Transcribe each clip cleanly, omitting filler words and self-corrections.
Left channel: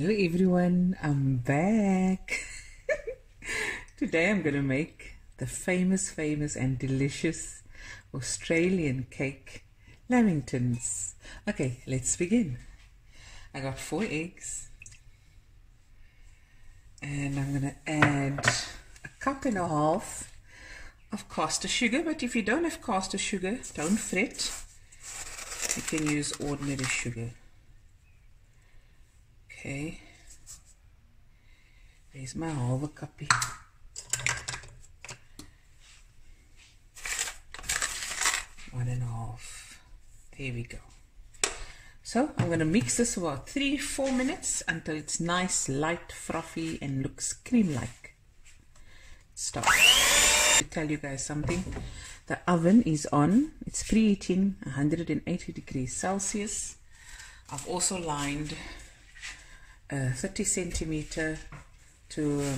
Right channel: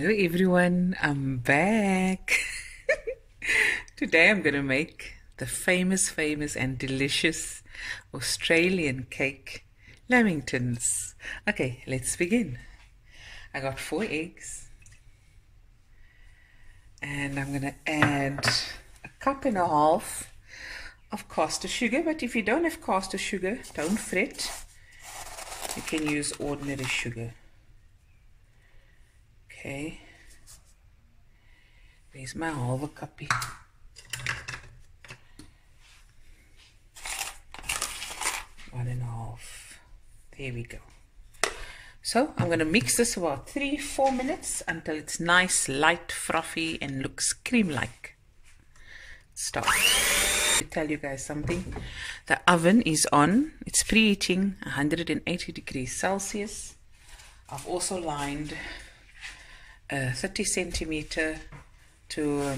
Hello everyone, I'm back. Today I'm gonna make the famous and delicious Australian cake, Lamingtons. Okay, let's begin. I got 4 eggs and I'm gonna add a cup and a half of caster sugar, but if you don't have caster sugar, don't fret. You can use ordinary sugar. Okay, there's my halve cuppie. One and a half. There we go. So I'm going to mix this about 3-4 minutes until it's nice, light, frothy, and looks cream-like. Stop. To tell you guys something. The oven is on. It's preheating 180 degrees Celsius. I've also lined a 30 centimeter to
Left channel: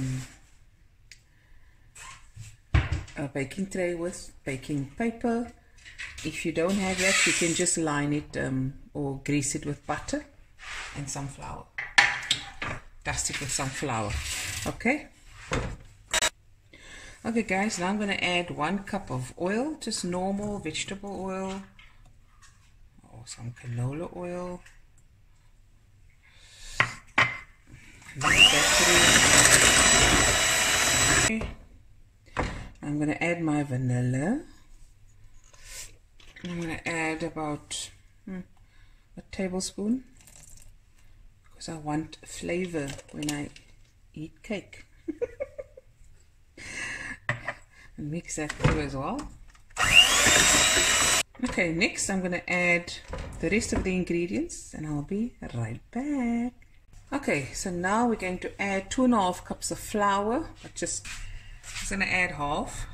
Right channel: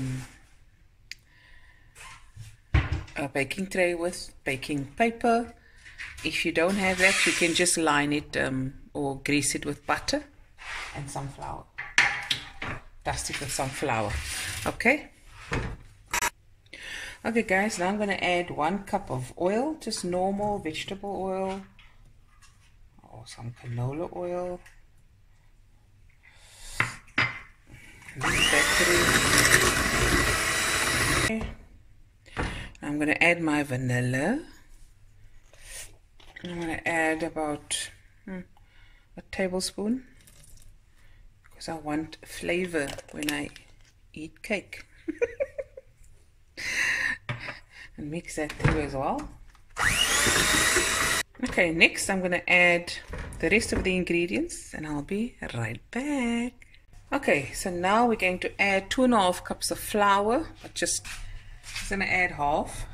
a baking tray with baking paper. If you don't have that, you can just line it or grease it with butter and some flour. Dust it with some flour. Okay? Okay guys, now I'm going to add 1 cup of oil, just normal vegetable oil or some canola oil. Okay. I'm going to add my vanilla. I'm going to add about a tablespoon because I want flavor when I eat cake. And mix that through as well. Okay, next I'm going to add the rest of the ingredients and I'll be right back. Okay, so now we're going to add 2.5 cups of flour. I'm just going to add half.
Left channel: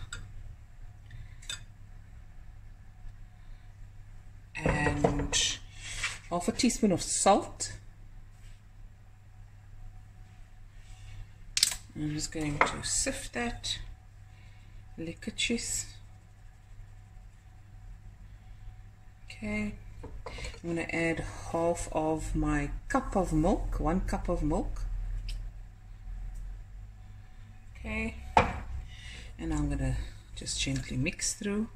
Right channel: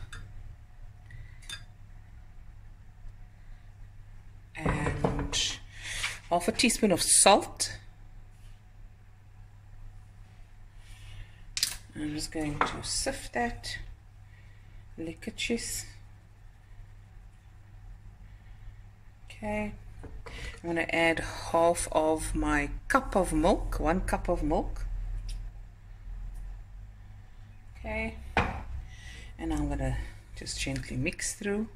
And half a teaspoon of salt. I'm just going to sift that. Lickertjes. Okay. I'm going to add half of my cup of milk, 1 cup of milk. Okay. And I'm going to just gently mix through.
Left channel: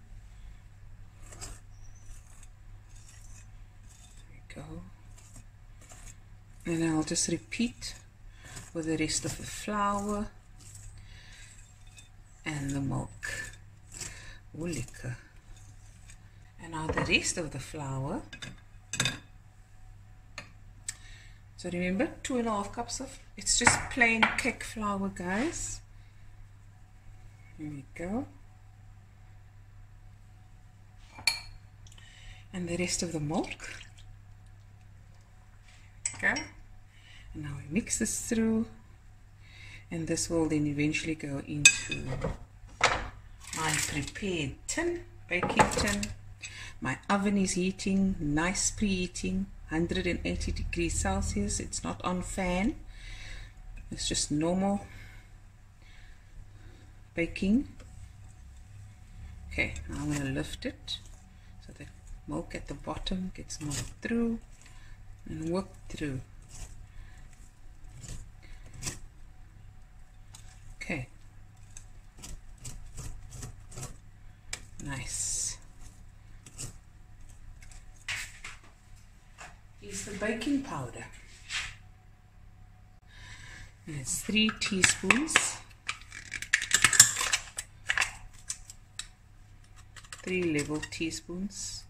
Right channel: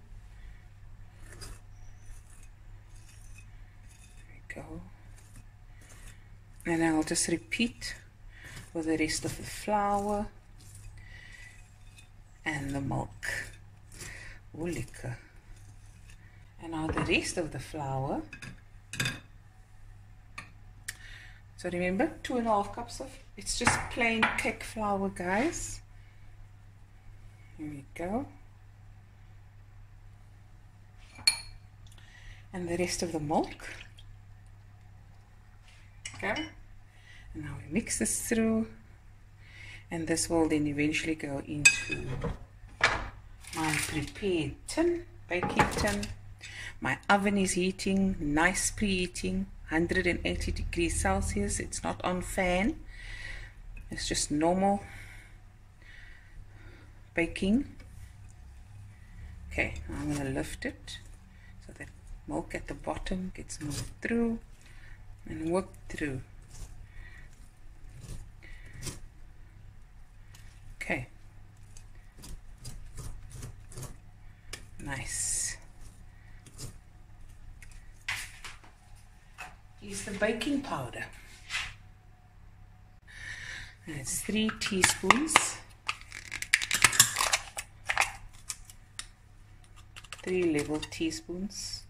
There we go. And I'll just repeat with the rest of the flour and the milk. Oh, liquor. And now the rest of the flour. So remember, 2.5 cups of, it's just plain cake flour, guys. Here we go. And the rest of the milk. Okay. And now we mix this through. And this will then eventually go into my prepared tin, baking tin. My oven is heating, nice preheating, 180 degrees Celsius. It's not on fan. It's just normal baking. Okay, now I'm going to lift it so that milk at the bottom gets moved through and worked through. Okay. Nice. Here's the baking powder. And it's 3 teaspoons. 3 level teaspoons.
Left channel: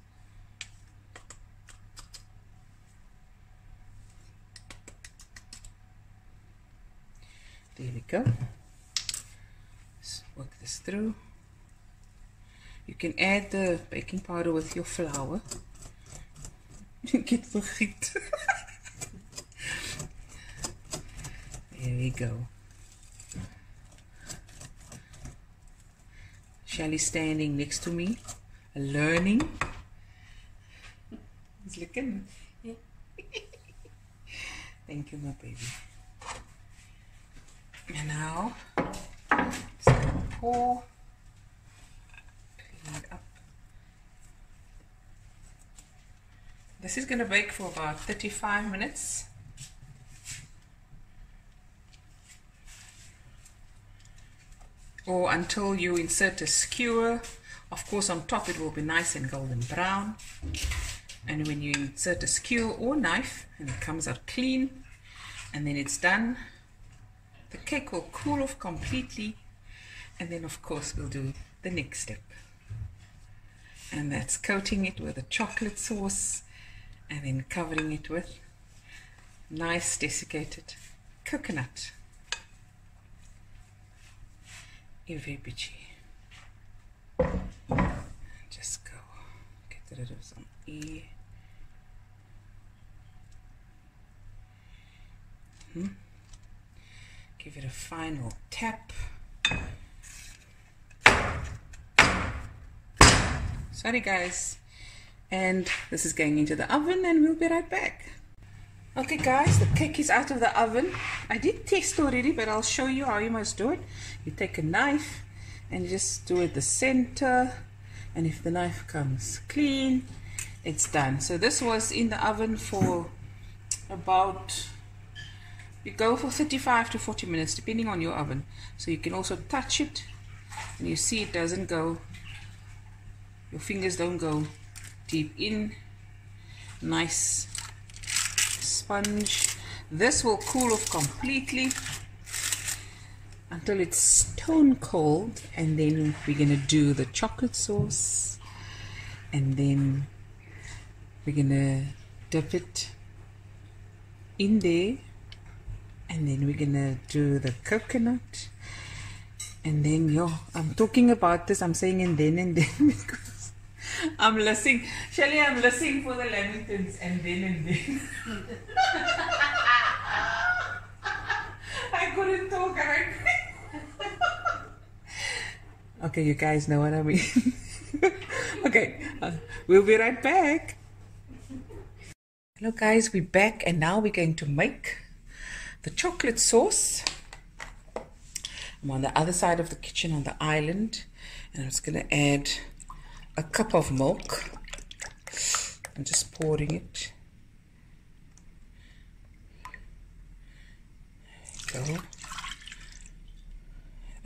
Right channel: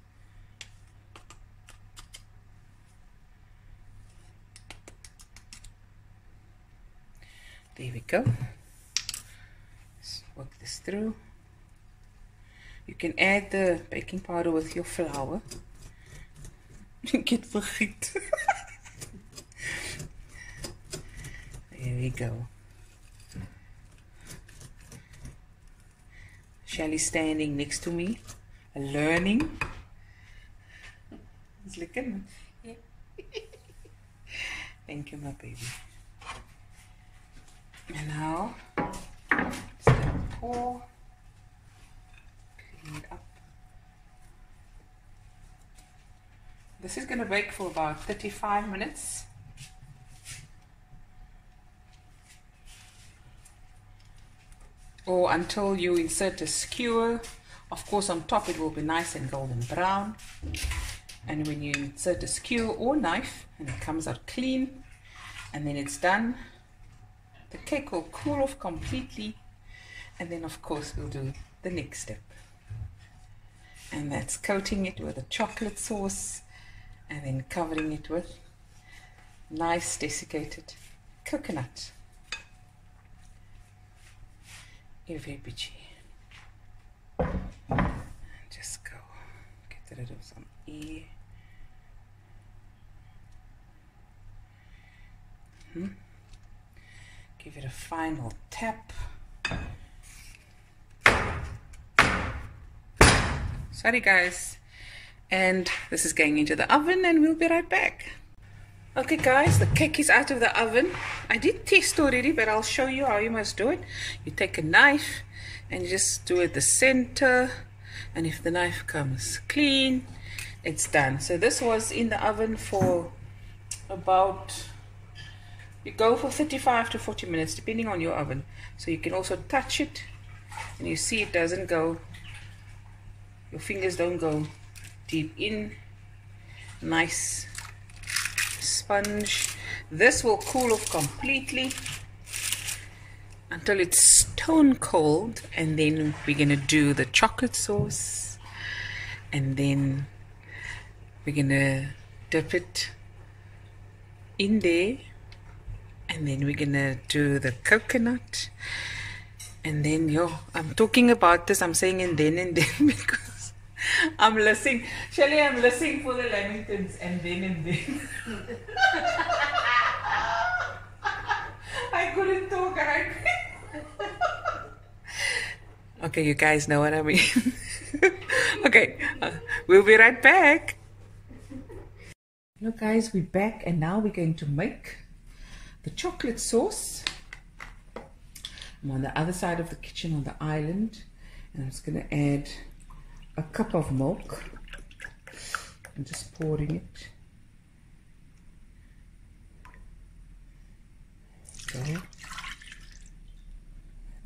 There we go. Let's work this through. You can add the baking powder with your flour. Get vergiet. There we go. Shelly standing next to me, learning. It's looking. Thank you, my baby. And now, just gonna pour. Clean it up. This is going to bake for about 35 minutes. or until you insert a skewer. Of course, on top it will be nice and golden brown. And when you insert a skewer or knife and it comes out clean, and then it's done, the cake will cool off completely. And then of course we'll do the next step. And that's coating it with a chocolate sauce and then covering it with nice desiccated coconut. Just go get rid of some air. Give it a final tap. Sorry guys, and this is going into the oven and we'll be right back. Okay guys, the cake is out of the oven. I did test already, but I'll show you how you must do it. You take a knife and you just do it the center, and if the knife comes clean, it's done. So this was in the oven for about, you go for 35 to 40 minutes depending on your oven. So you can also touch it and you see it doesn't go, your fingers don't go deep in. Nice sponge. This will cool off completely until it's stone cold, and then we're gonna do the chocolate sauce, and then we're gonna dip it in there, and then we're gonna do the coconut, and then I'm talking about this, I'm saying and then because I'm listening, Shelly, I'm listening for the Lamingtons and then. I couldn't talk. Okay, you guys know what I mean. Okay, we'll be right back. Hello guys, we're back, and now we're going to make the chocolate sauce. I'm on the other side of the kitchen on the island, and I'm just going to add a cup of milk. I'm just pouring it. Go.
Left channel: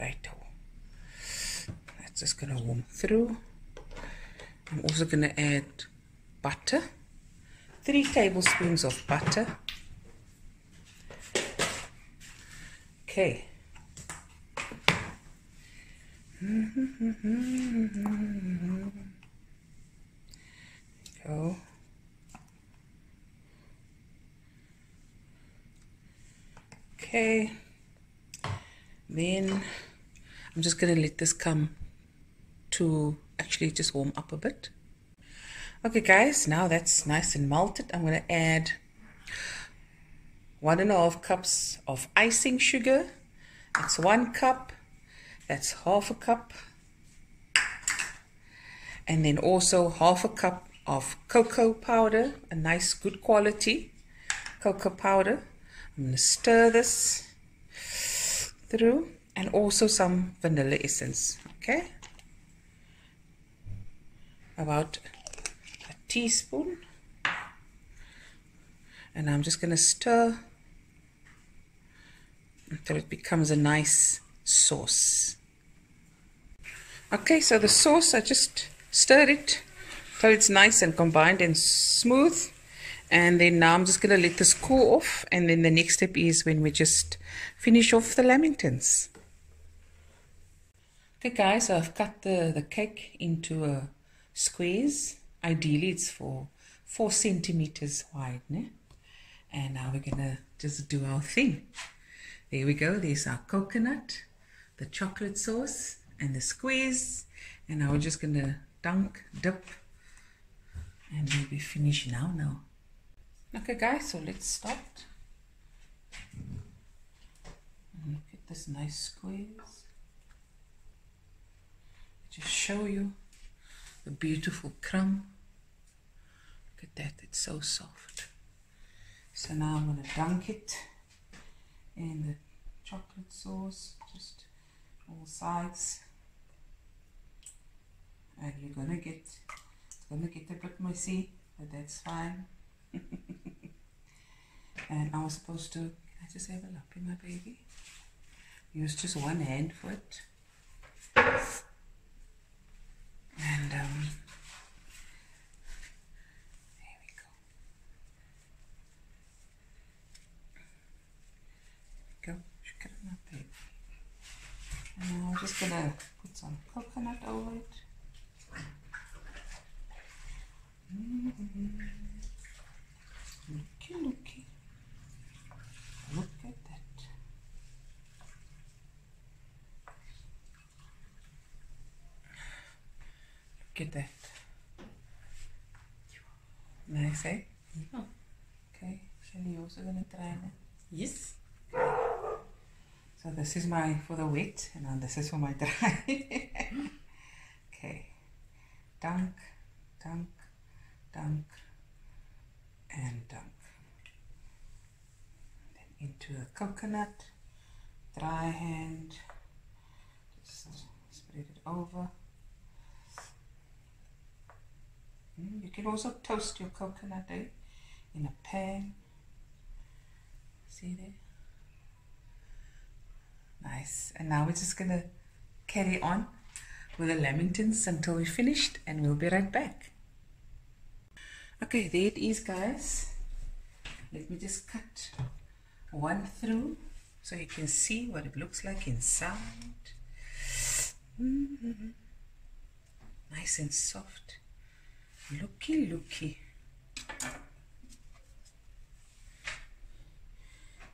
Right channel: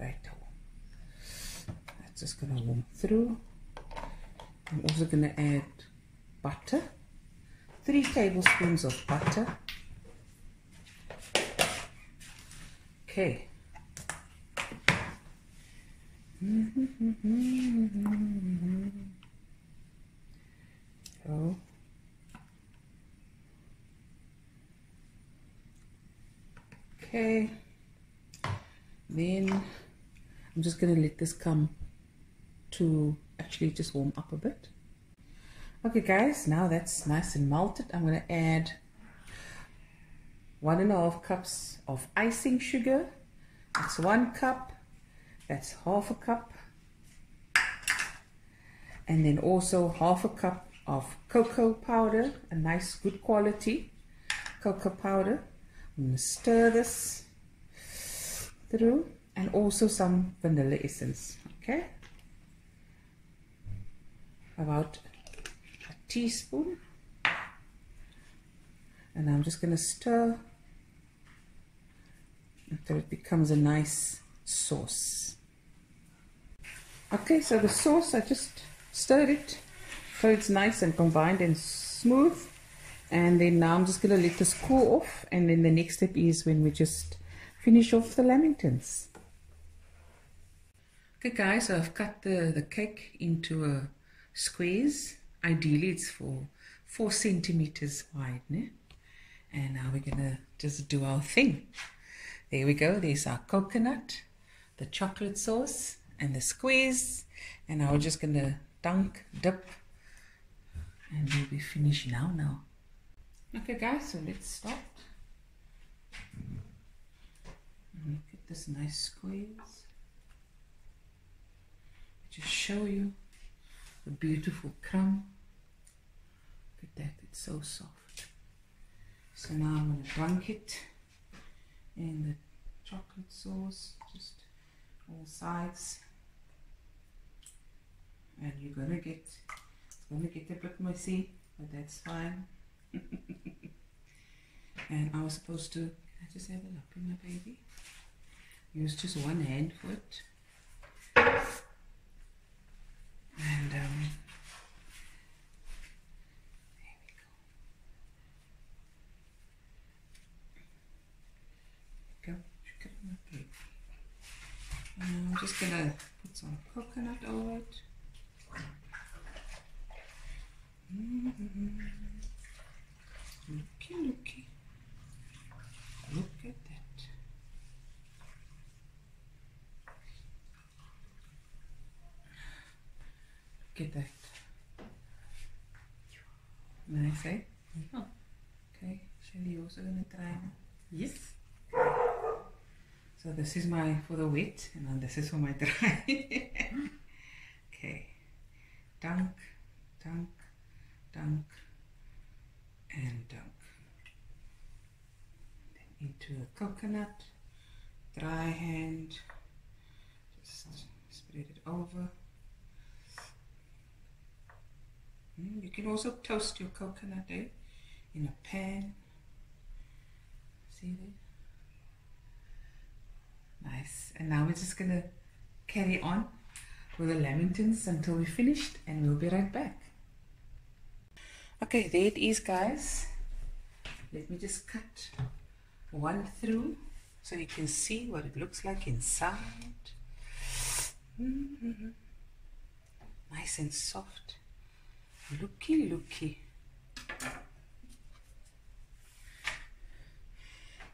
Right. That's just going to warm through. I'm also going to add butter. 3 tablespoons of butter. Okay. Go. Okay. Then I'm just going to let this come to actually just warm up a bit. Okay guys, now that's nice and melted. I'm going to add 1.5 cups of icing sugar. That's 1 cup. That's half a cup. And then also half a cup of cocoa powder, a nice good quality cocoa powder. I'm going to stir this through, and also some vanilla essence. Okay, about a teaspoon, and I'm just going to stir until it becomes a nice sauce. Okay, so the sauce, I just stirred it till it's nice and combined and smooth, and then now I'm just going to let this cool off, and then the next step is when we just finish off the Lamingtons. Okay guys, so I've cut the cake into squares. Ideally it's for 4 centimeters wide, né? And now we're going to just do our thing. There we go, there's our coconut, the chocolate sauce, and the squares, and now we're just going to dip, and we'll be finished now. Okay guys, so let's start. Look at this nice squares. Just show you the beautiful crumb. Look at that, it's so soft. So now I'm going to dunk it in the chocolate sauce, just all sides, and it's gonna get a bit messy, but that's fine. And I was supposed to, I just have a look in my baby, use just one hand for it. And there we go. And now I'm just gonna put some coconut over it. Looky, looky. Look at that. Look at that. Nice, eh? Yeah. Okay, Shelly, you also gonna try now? Yes. So this is my for the wet, and then this is for my dry. Okay, dunk, dunk, dunk, and dunk. Then into the coconut, dry hand, just spread it over. You can also toast your coconut in a pan. See there? Nice. And now we're just going to carry on with the lamingtons until we're finished, and we'll be right back. Okay, there it is, guys. Let me just cut one through so you can see what it looks like inside. Nice and soft. Looky, looky.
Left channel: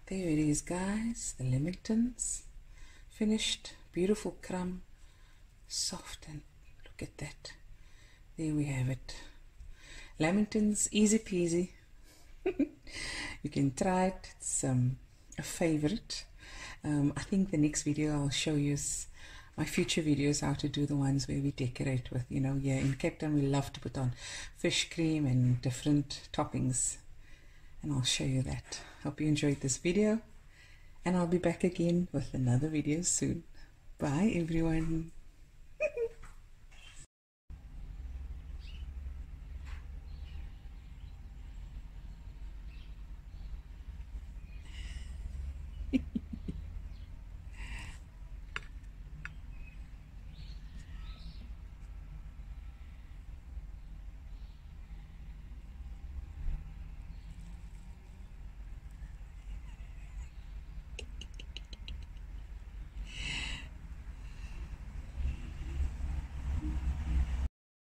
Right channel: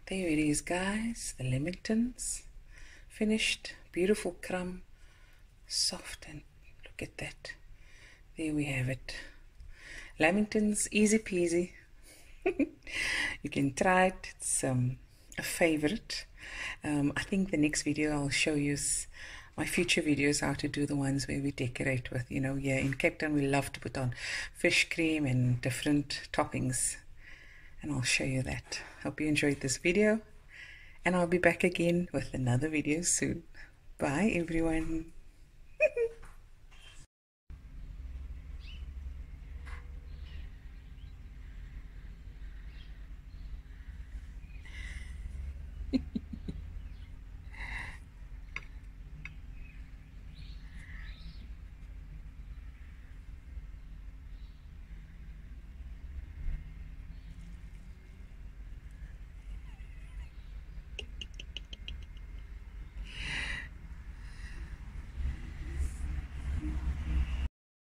There it is, guys. The lamingtons finished. Beautiful crumb, soft, and look at that. There we have it. Lamingtons, easy peasy. You can try it. It's a favorite. I think the next video I'll show you my future videos, how to do the ones where we decorate with, you know, yeah, in Cape Town we love to put on fish cream and different toppings, and I'll show you that. Hope you enjoyed this video, and I'll be back again with another video soon. Bye everyone.